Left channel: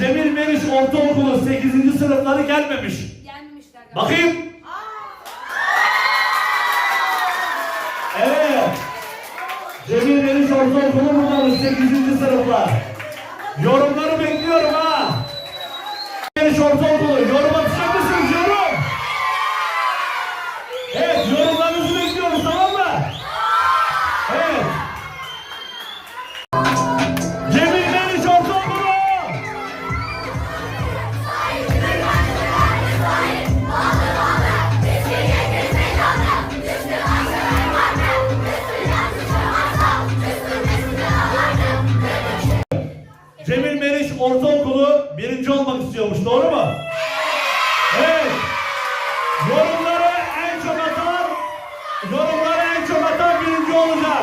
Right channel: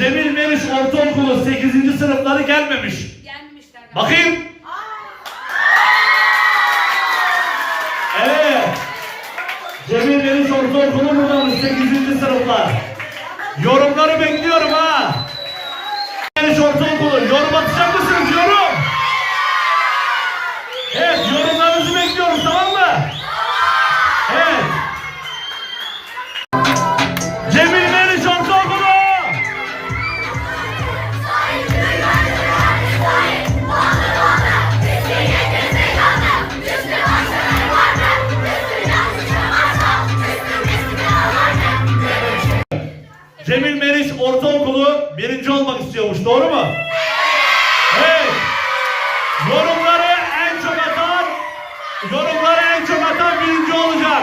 Cemil Meriç Ortaokulu 8. sınıfları gelmemiş. Gelmişler. Bakayım. Evet. Cemil Yeniş Ortaokulu buradanmış 8. sınıflar. Yorumları bekliyorum ha. Yeniş Ortaokulu yorum atacak mısınız yorum? Evet yorumlarınızı Cemil Meriç Ortaokulu birinci olmak istiyormuş doğru mu? Evet. Yorumları en çok atan, yorumları en çok atan birinci olacak.